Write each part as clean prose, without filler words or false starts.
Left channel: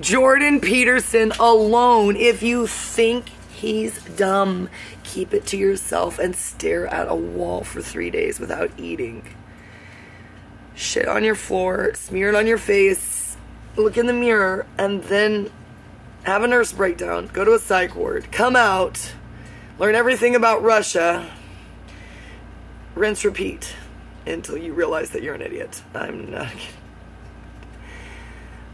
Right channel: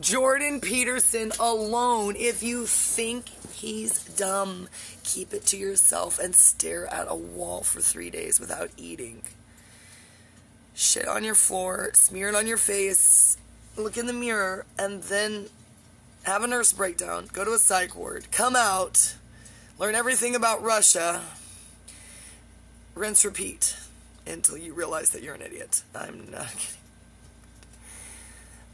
Jordan Peterson alone. If you think he's dumb, keep it to yourself and stare at a wall for 3 days without eating. Shit on your floor, smear it on your face, look in the mirror, and then have a nurse breakdown, go to a psych ward, come out, learn everything about Russia, rinse, repeat, until you realize that you're an idiot. I'm not kidding.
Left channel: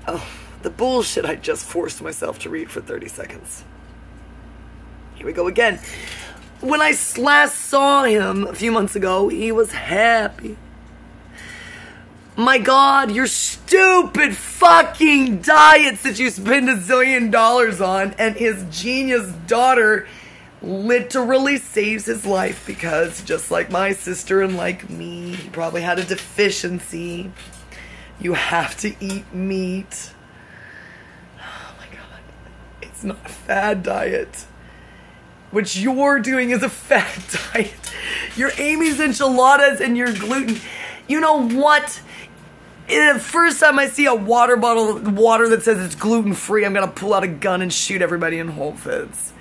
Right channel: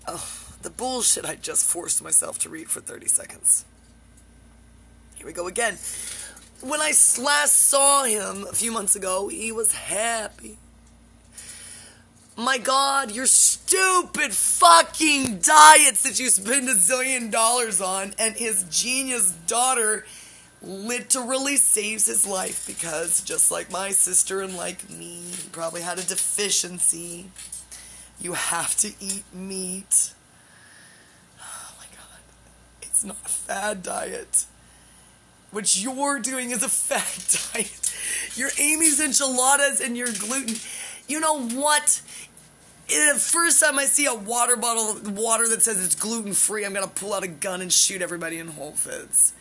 Oh, the bullshit I just forced myself to read for 30 seconds. Here we go again. When I last saw him a few months ago, he was happy. My God, your stupid fucking diets that you spend $1 zillion on, and his genius daughter literally saves his life because, just like my sister and like me, he probably had a deficiency. You have to eat meat. Oh my God. It's not a fad diet. What you're doing is a fad diet. Your Amy's enchiladas and your gluten. You know what? The first time I see a water bottle of water that says it's gluten-free, I'm going to pull out a gun and shoot everybody in Whole Foods.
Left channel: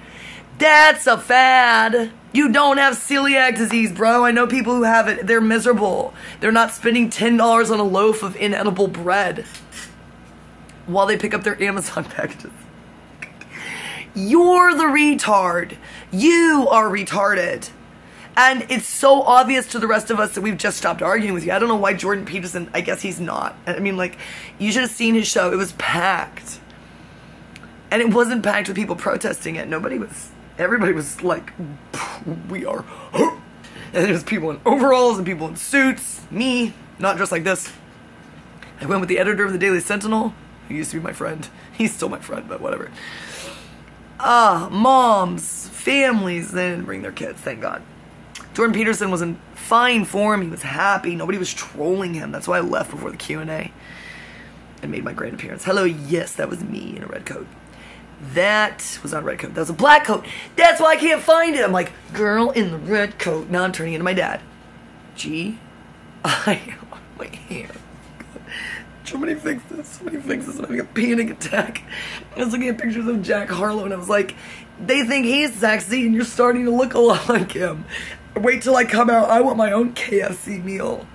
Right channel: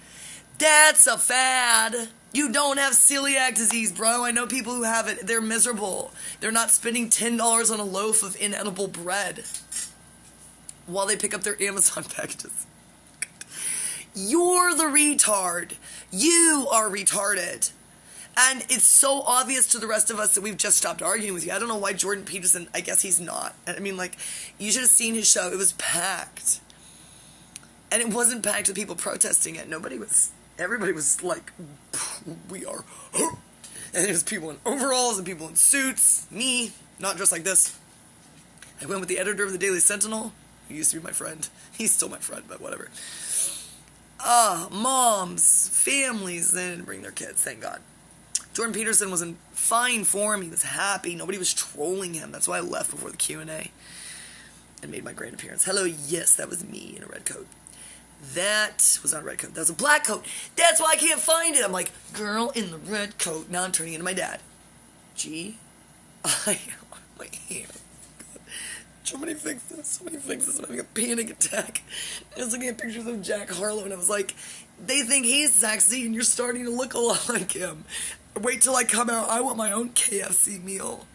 That's a fad. You don't have celiac disease, bro. I know people who have it. They're miserable. They're not spending $10 on a loaf of inedible bread while they pick up their Amazon packages. You're the retard. You are retarded. And it's so obvious to the rest of us that we've just stopped arguing with you. I don't know why Jordan Peterson, I guess he's not. I mean, like, you should have seen his show. It was packed. And it wasn't packed with people protesting it. Everybody was like, we are. And there's people in overalls and people in suits. Me, not dressed like this. I went with the editor of the Daily Sentinel, who used to be my friend. He's still my friend, but whatever. Moms, families, they didn't bring their kids, thank God. Jordan Peterson was in fine form. He was happy. Nobody was trolling him. That's why I left before the Q&A and made my great appearance. Hello, yes, that was me in a red coat. That was not a red coat. That was a black coat. That's why I can't find it. I'm like, girl in the red coat. Now I'm turning into my dad. My hair. Somebody fix this. Somebody fix this. I'm having a panic attack. I was looking at pictures of Jack Harlow and I was like, they think he's sexy and you're starting to look a lot like him. Wait till I come out. I want my own KFC meal.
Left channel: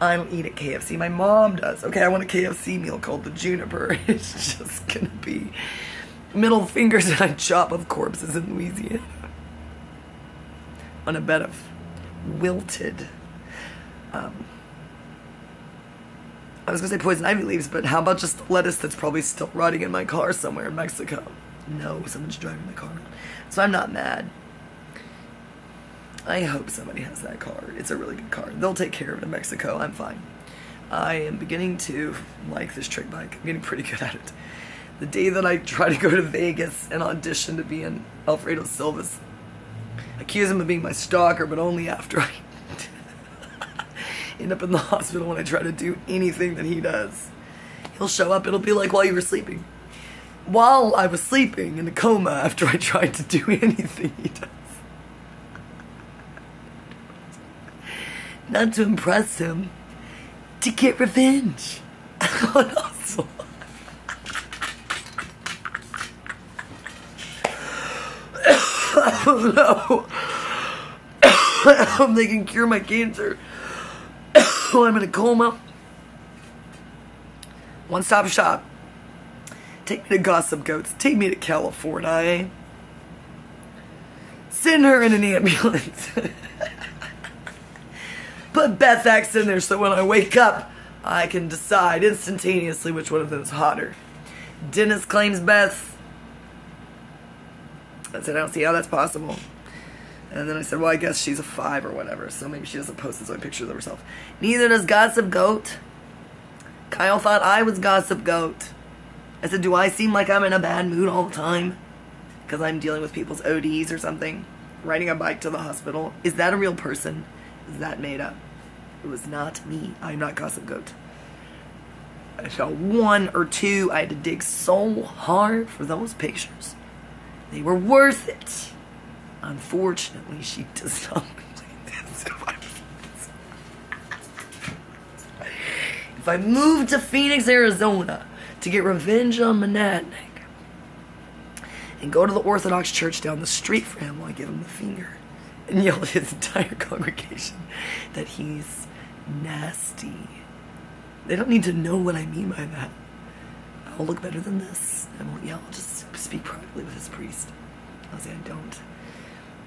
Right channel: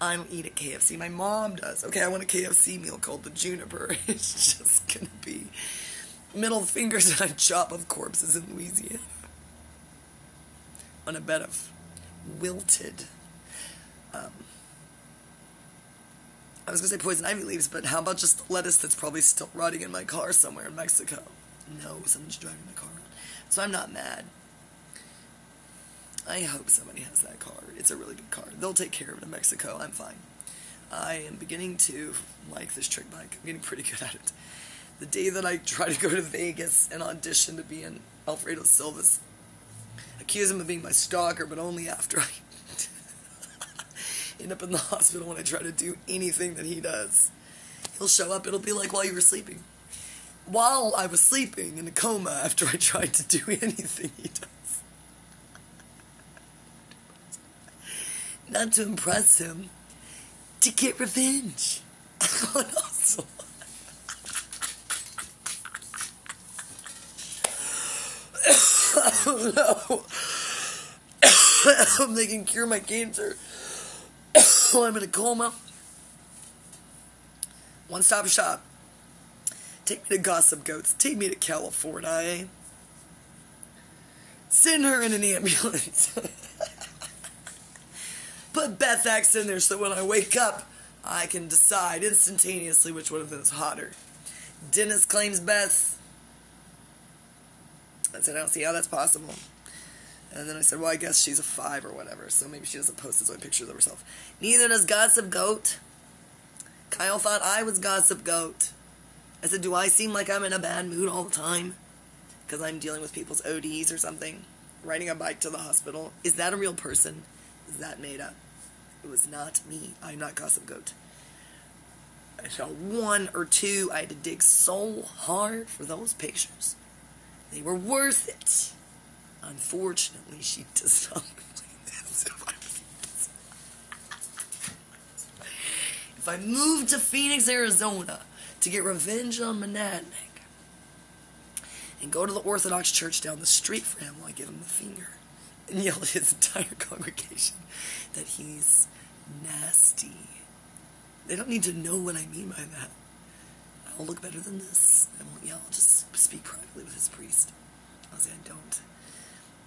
I don't eat at KFC. My mom does. Okay, I want a KFC meal called the Juniper. It's just gonna be middle fingers and a chop of corpses in Louisiana. On a bed of wilted, I was gonna say poison ivy leaves, but how about just lettuce that's probably still rotting in my car somewhere in Mexico? No, someone's driving my car. So I'm not mad. I hope somebody has that car. It's a really good car. They'll take care of it in Mexico. I'm fine. I am beginning to like this trick bike. I'm getting pretty good at it. The day that I try to go to Vegas and audition to be in Alfredo Silva's, accuse him of being my stalker, but only after I end up in the hospital when I try to do anything that he does. He'll show up. It'll be like while you were sleeping. While I was sleeping in a coma after I tried to do anything he does. Not to impress him, to get revenge. Also, oh no. They can cure my cancer. I'm in a coma. One-stop shop. Take me to Gossip Goats. Take me to California. Send her in an ambulance. Put Beth X in there so when I wake up, I can decide instantaneously which one of them is hotter. Dennis claims Beth. I said, I don't see how that's possible. And then I said, well, I guess she's a 5 or whatever, so maybe she doesn't post his own pictures of herself. Neither does Gossip Goat. Kyle thought I was Gossip Goat. I said, do I seem like I'm in a bad mood all the time? Because I'm dealing with people's ODs or something? Riding a bike to the hospital? Is that a real person? Is that made up? It was not me. I'm not Gossip Goat. I saw 1 or 2. I had to dig so hard for those pictures. They were worth it. Unfortunately, she does not believe this. If I moved to Phoenix, Arizona, to get revenge on Monadnock and go to the Orthodox church down the street for him while I give him the finger and yell at his entire congregation that he's nasty. They don't need to know what I mean by that. I'll look better than this. I won't yell. I'll just speak privately with his priest. I'll say I don't.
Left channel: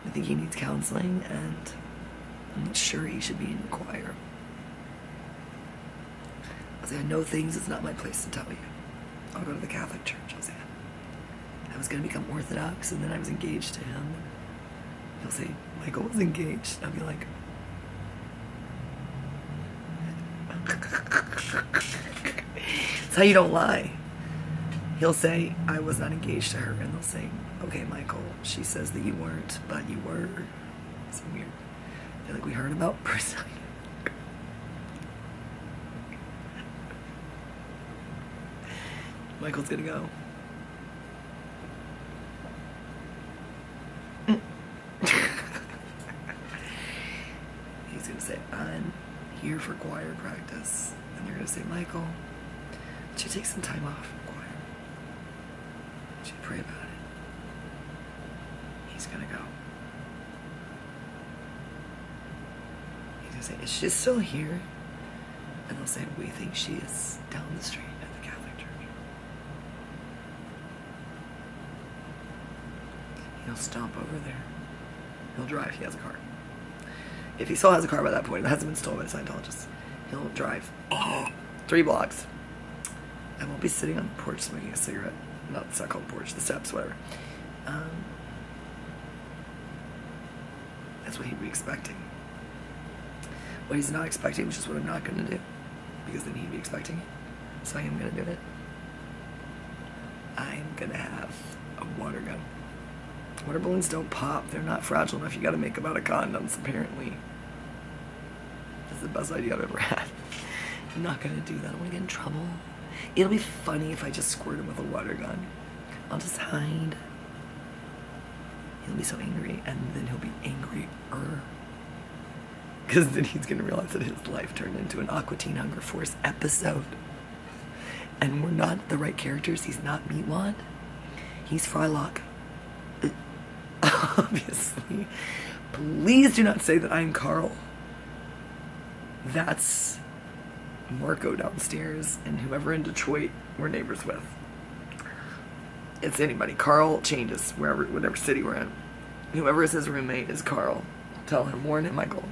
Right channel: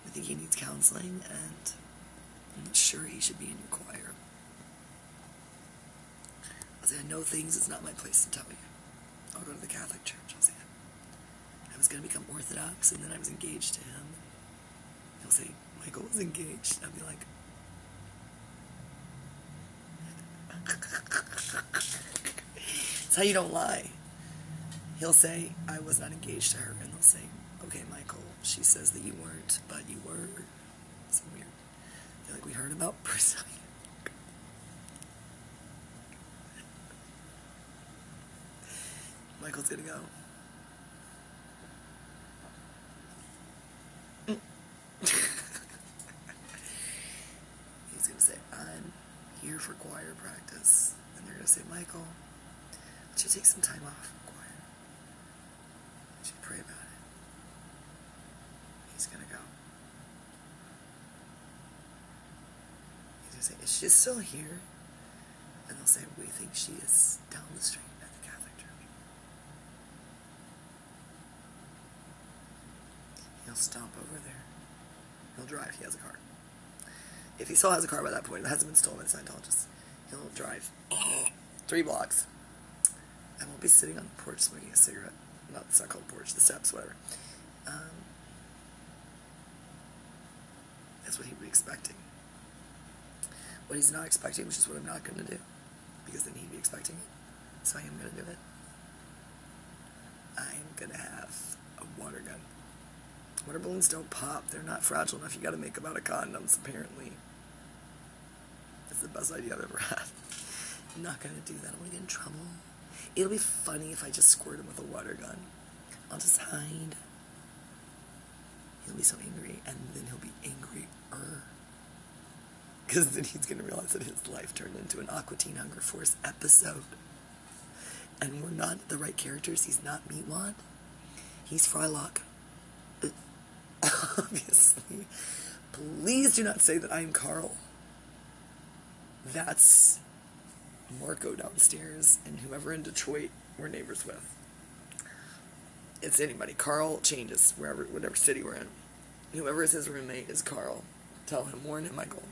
I think he needs counseling, and I'm not sure he should be in the choir. I'll say I know things. It's not my place to tell you. I'll go to the Catholic church. I'll say I was going to become Orthodox, and then I was engaged to him. He'll say, Michael was engaged. I'll be like, that's how you don't lie. He'll say, I was not engaged to her, and they'll say, okay, Michael, she says that you weren't, but you were. It's weird. They're like, we heard about Peterson. Michael's gonna go. He's gonna say, I'm here for choir practice. And they're gonna say, Michael, should take some time off from choir. Should pray about it. He's gonna go. He's gonna say, is she still here? And they'll say, we think she is down the street at the Catholic church. He'll stomp over there. He'll drive. He has a car. If he still has a car by that point, it hasn't been stolen by the Scientologists. He'll drive 3 blocks. I won't be sitting on the porch smoking a cigarette. No, it's not called the porch. The steps, whatever. That's what he'd be expecting. What he's not expecting, which is what I'm not going to do, because then he'd be expecting it. So I am going to do it. I'm going to have a water gun. Water balloons don't pop. They're not fragile enough. You got to make them out of condoms, apparently. That's the best idea I've ever had. I'm not going to do that. I want to get in trouble. It'll be funny if I just squirt him with a water gun. I'll just hide. He'll be so angry, and then he'll be angrier. Because then he's going to realize that his life turned into an Aqua Teen Hunger Force episode. And we're not the right characters. He's not Meatwad. He's Frylock. Obviously. Please do not say that I'm Carl. That's Marco downstairs and whoever in Detroit we're neighbors with. It's anybody. Carl changes whatever city we're in. Whoever is his roommate is Carl. Tell him, warn him, Michael.